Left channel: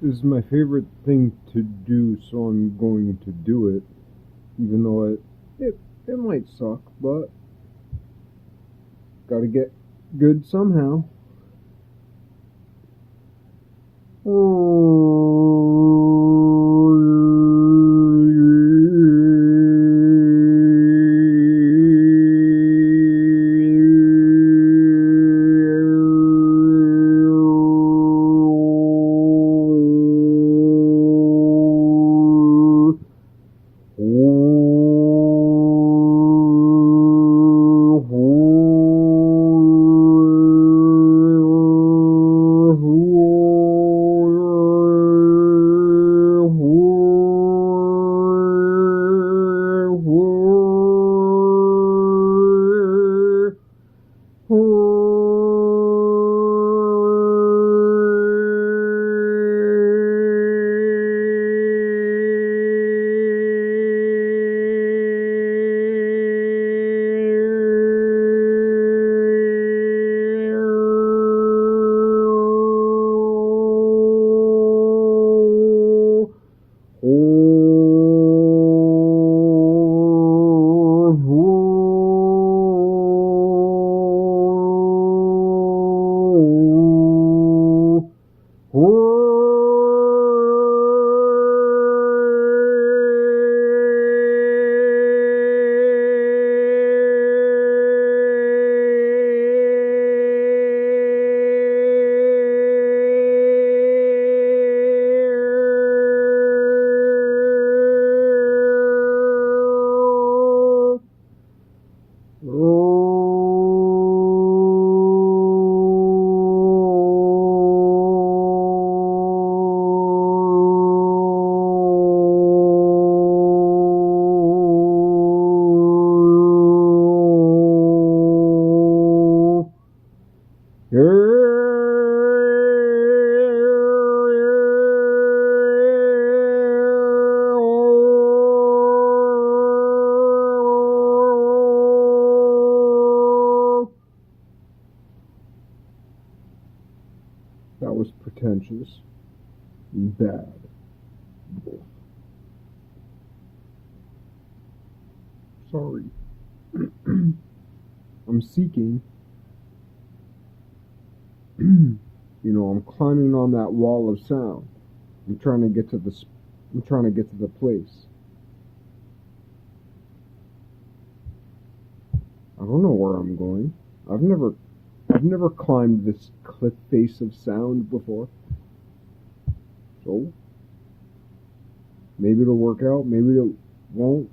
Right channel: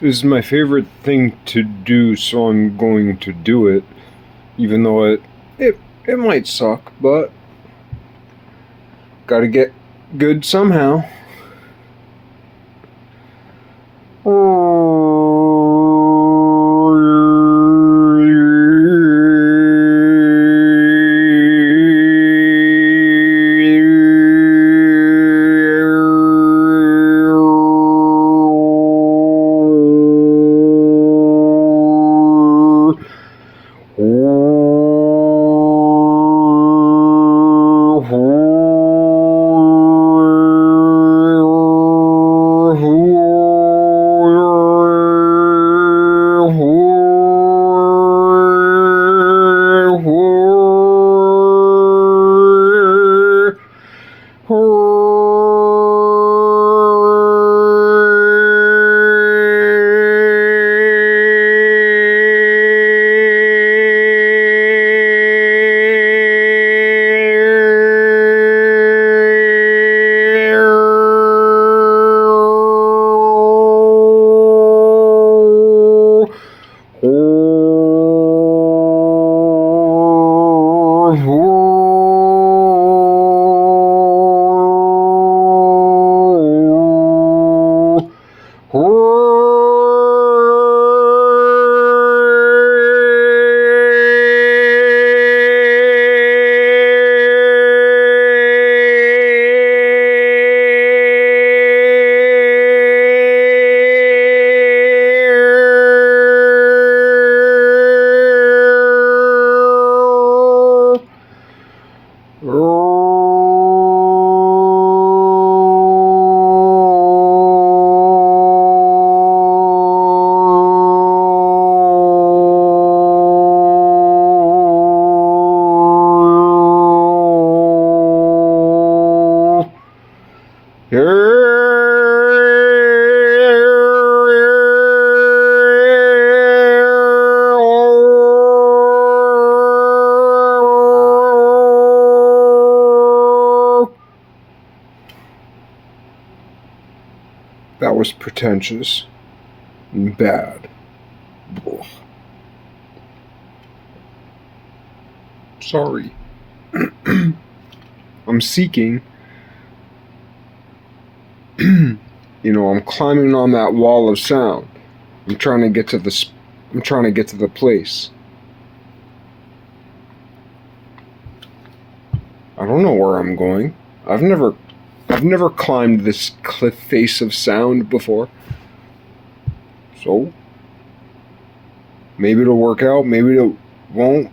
is my favorite thing to do, so I'm going to do it. Even though it might suck, but gotta get good somehow. That was pretentious and bad. Ugh. Sorry. I'm seeking. I'm climbing on that wall of sound. I'm trying to get to the place. I don't know where I'm going. I've never climbed this cliff face of sound before. So maybe it'll work out, maybe it won't.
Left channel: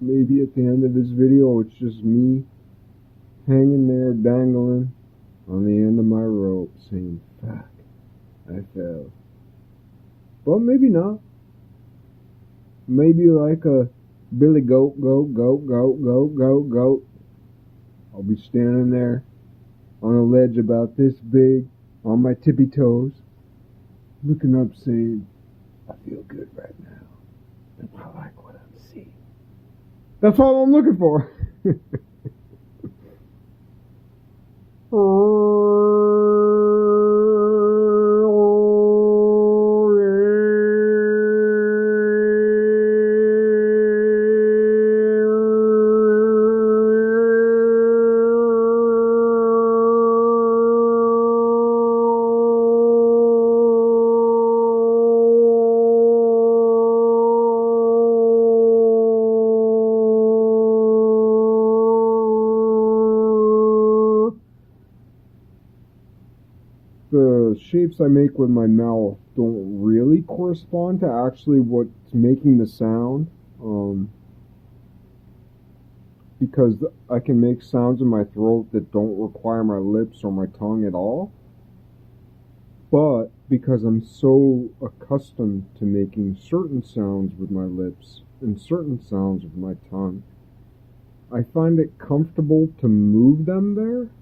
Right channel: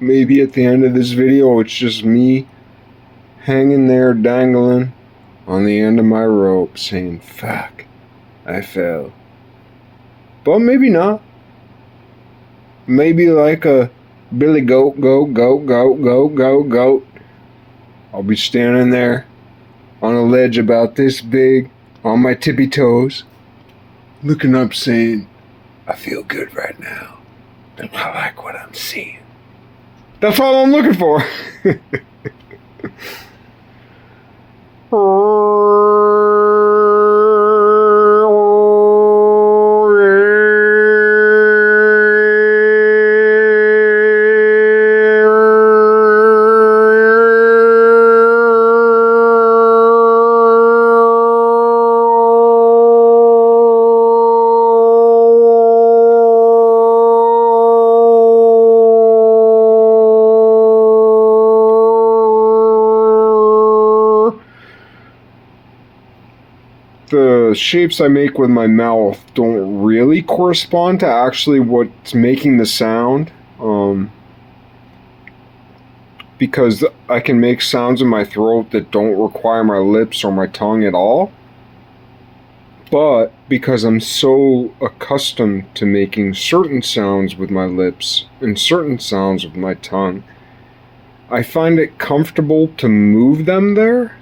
Maybe at the end of this video it's just me hanging there dangling on the end of my rope saying, fuck, I fell. But maybe not. Maybe like a Billy Goat, goat, goat, goat, goat, goat, goat. I'll be standing there on a ledge about this big, on my tippy toes, looking up saying, I feel good right now, and I like what I'm seeing. That's all I'm looking for. The shapes I make with my mouth don't really correspond to actually what's making the sound, because I can make sounds in my throat that don't require my lips or my tongue at all. But because I'm so accustomed to making certain sounds with my lips and certain sounds with my tongue, I find it comfortable to move them there.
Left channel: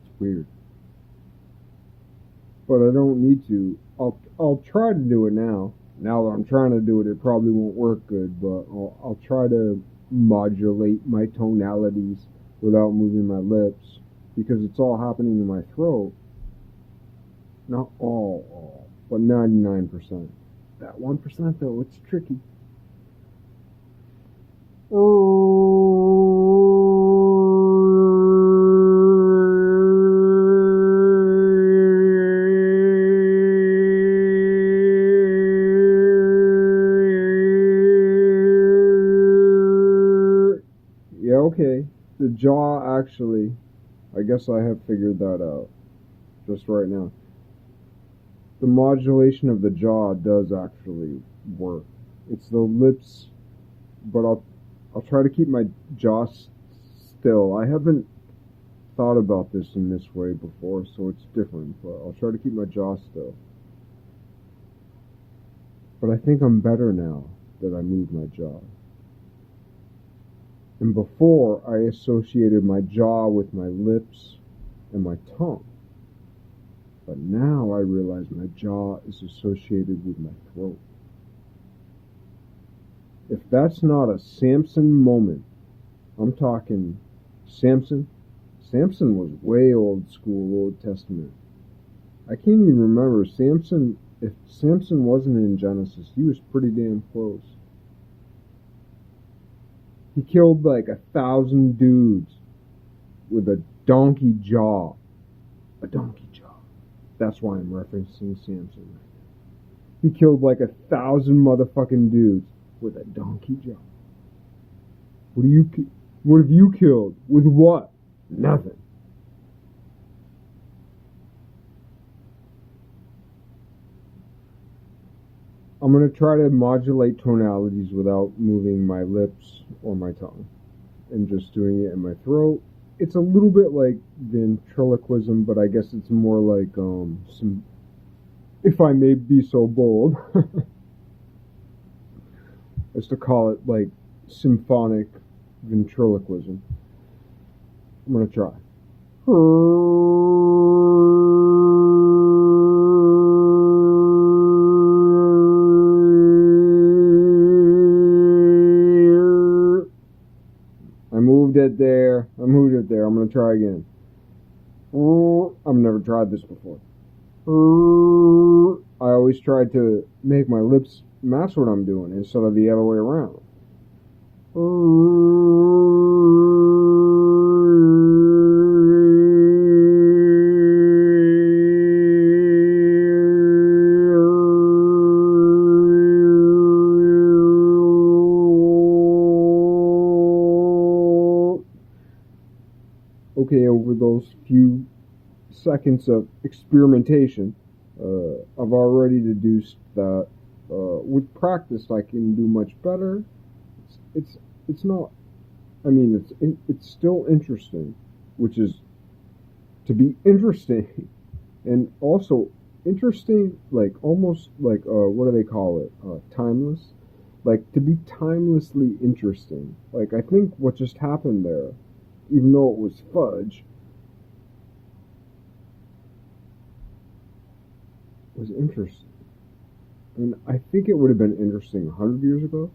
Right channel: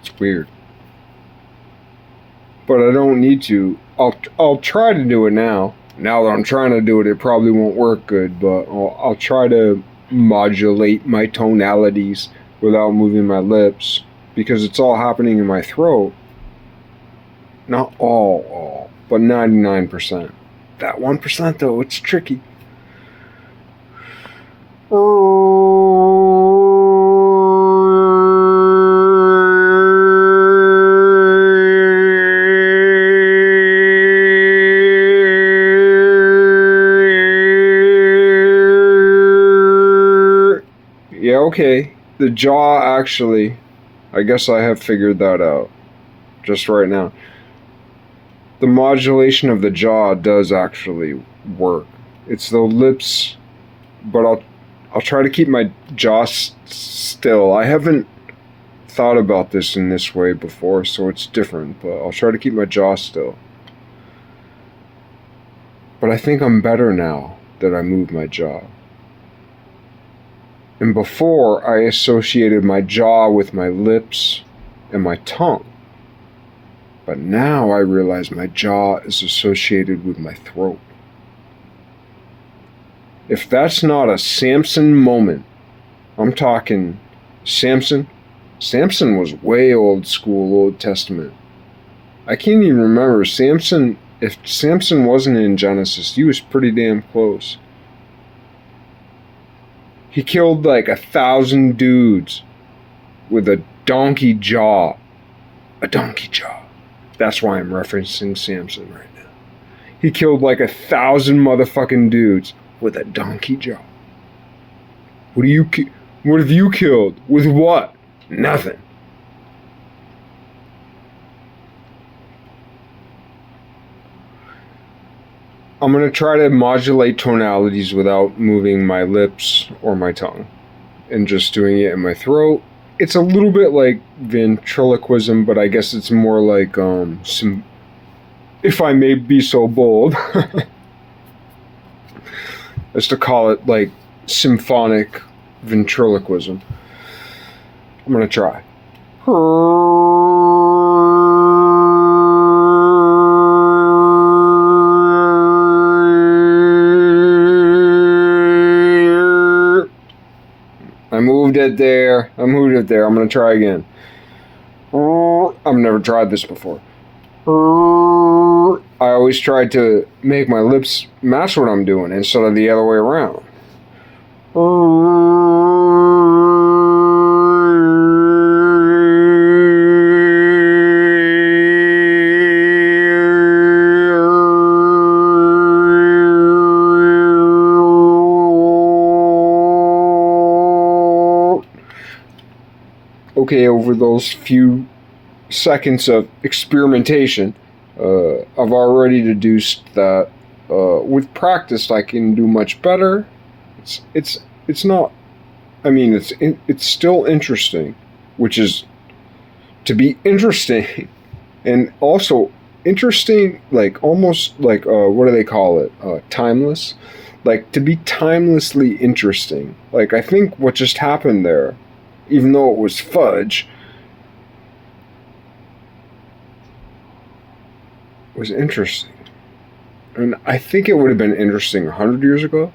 It's weird. But but I don't need to. I'll try to do it now. Now that I'm trying to do it, it probably won't work good, but I'll try to modulate my tonalities without moving my lips, because it's all happening in my throat. Not all, but 99%. That 1% though, it's tricky. Yeah, okay. The jaw actually, I guess I have figured that out just right now. The modulation of the jaw does actually work. It's the lips, but I'll try to keep my jaw still. I haven't thought about this in this way before, so it's different, but I'll try to keep my jaw still. But I think I'm better now that I moved my jaw. And before, I associated my jaw with my lips and my tongue. But now I realize my jaw is associated with my throat. If that's not a Samson moment, I'm talking Samson. Samson was way old school, Old Testament. I can't even remember Samson. If Samson wasn't in Genesis, he was pretty damn close. He killed like 1,000 dudes with a donkey jaw. A donkey jaw. That's why I'm referencing Samson right now. He killed like 1,000 motherfucking dudes with a donkey jaw. What have you killed? With what? Nothing. I'm going to try to modulate tonalities without moving my lips or my tongue and just doing it in my throat. It's a little bit like ventriloquism, but I guess it's more like, if I may be so bold, as to call it like symphonic ventriloquism. I'm going to try. I moved it there. I'm going to try again. I've never tried this before. I always tried to make my lips match what I'm doing instead of the other way around. Okay, over those few seconds of experimentation, I've already deduced that with practice I can do much better. It's not. I mean, it's still interesting, which is to be interesting, and also interesting, like almost like what do they call it? Timeless, like to be timelessly interesting. Like I think what just happened there, even though it was fudge, was interesting. And I think it would have been interesting 100 years ago,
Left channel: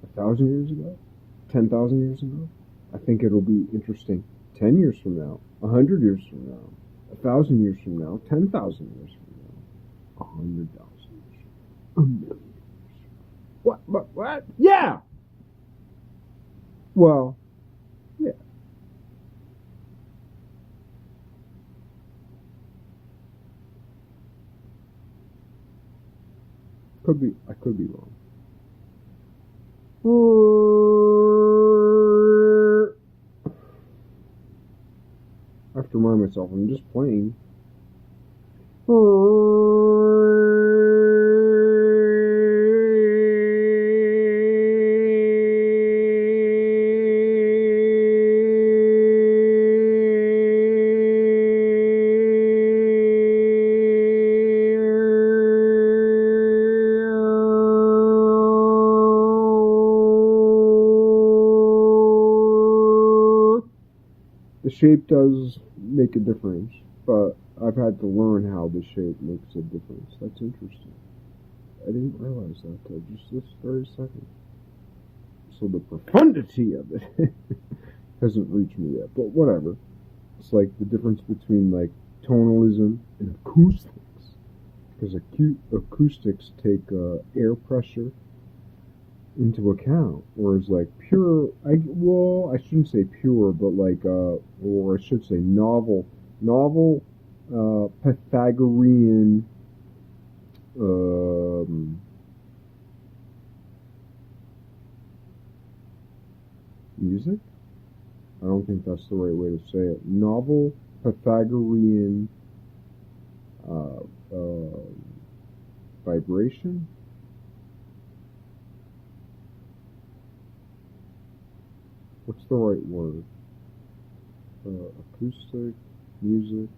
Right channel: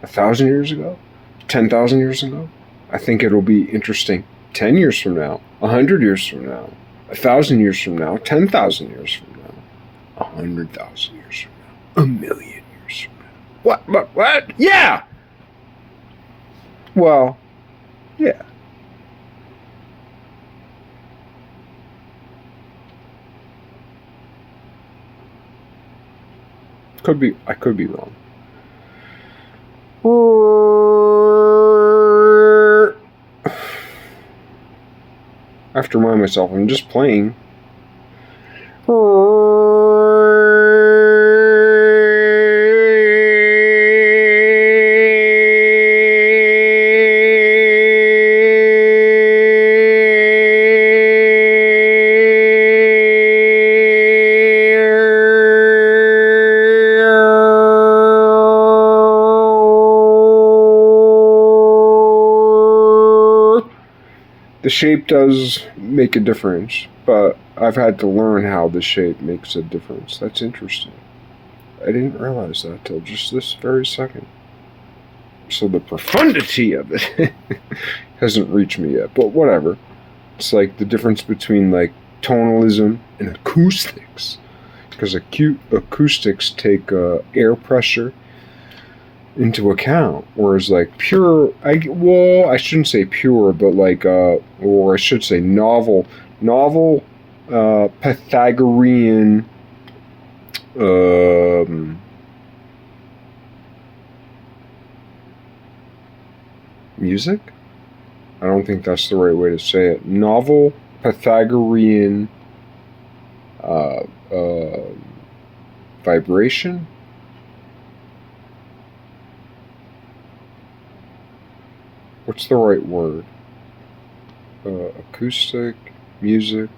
1,000 years ago, 10,000 years ago. I think it'll be interesting 10 years from now, 100 years from now, 1,000 years from now, 10,000 years from now, 100,000 years from now, 1,000,000 years from now. What? Yeah! Well, yeah. I could be wrong. I have to remind myself, I'm just playing. The shape does make a difference, but I've had to learn how the shape makes a difference. That's interesting. I didn't realize that till just this very second. So the profundity of it hasn't reached me yet, but whatever. It's like the difference between like tonalism and acoustics, because acoustics take air pressure into account, whereas like pure, I shouldn't say pure, but like or I should say novel Pythagorean music. I don't think that's the right way to say it. Novel Pythagorean uh, uh, vibration. What's the right word? Acoustic, music,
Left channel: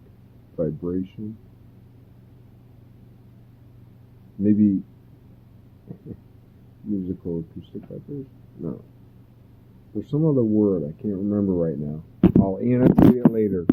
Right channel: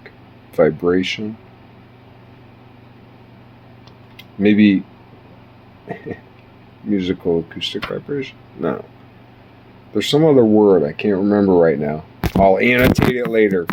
vibration. Maybe musical acoustic vibration? No. There's some other word I can't remember right now. I'll annotate it later.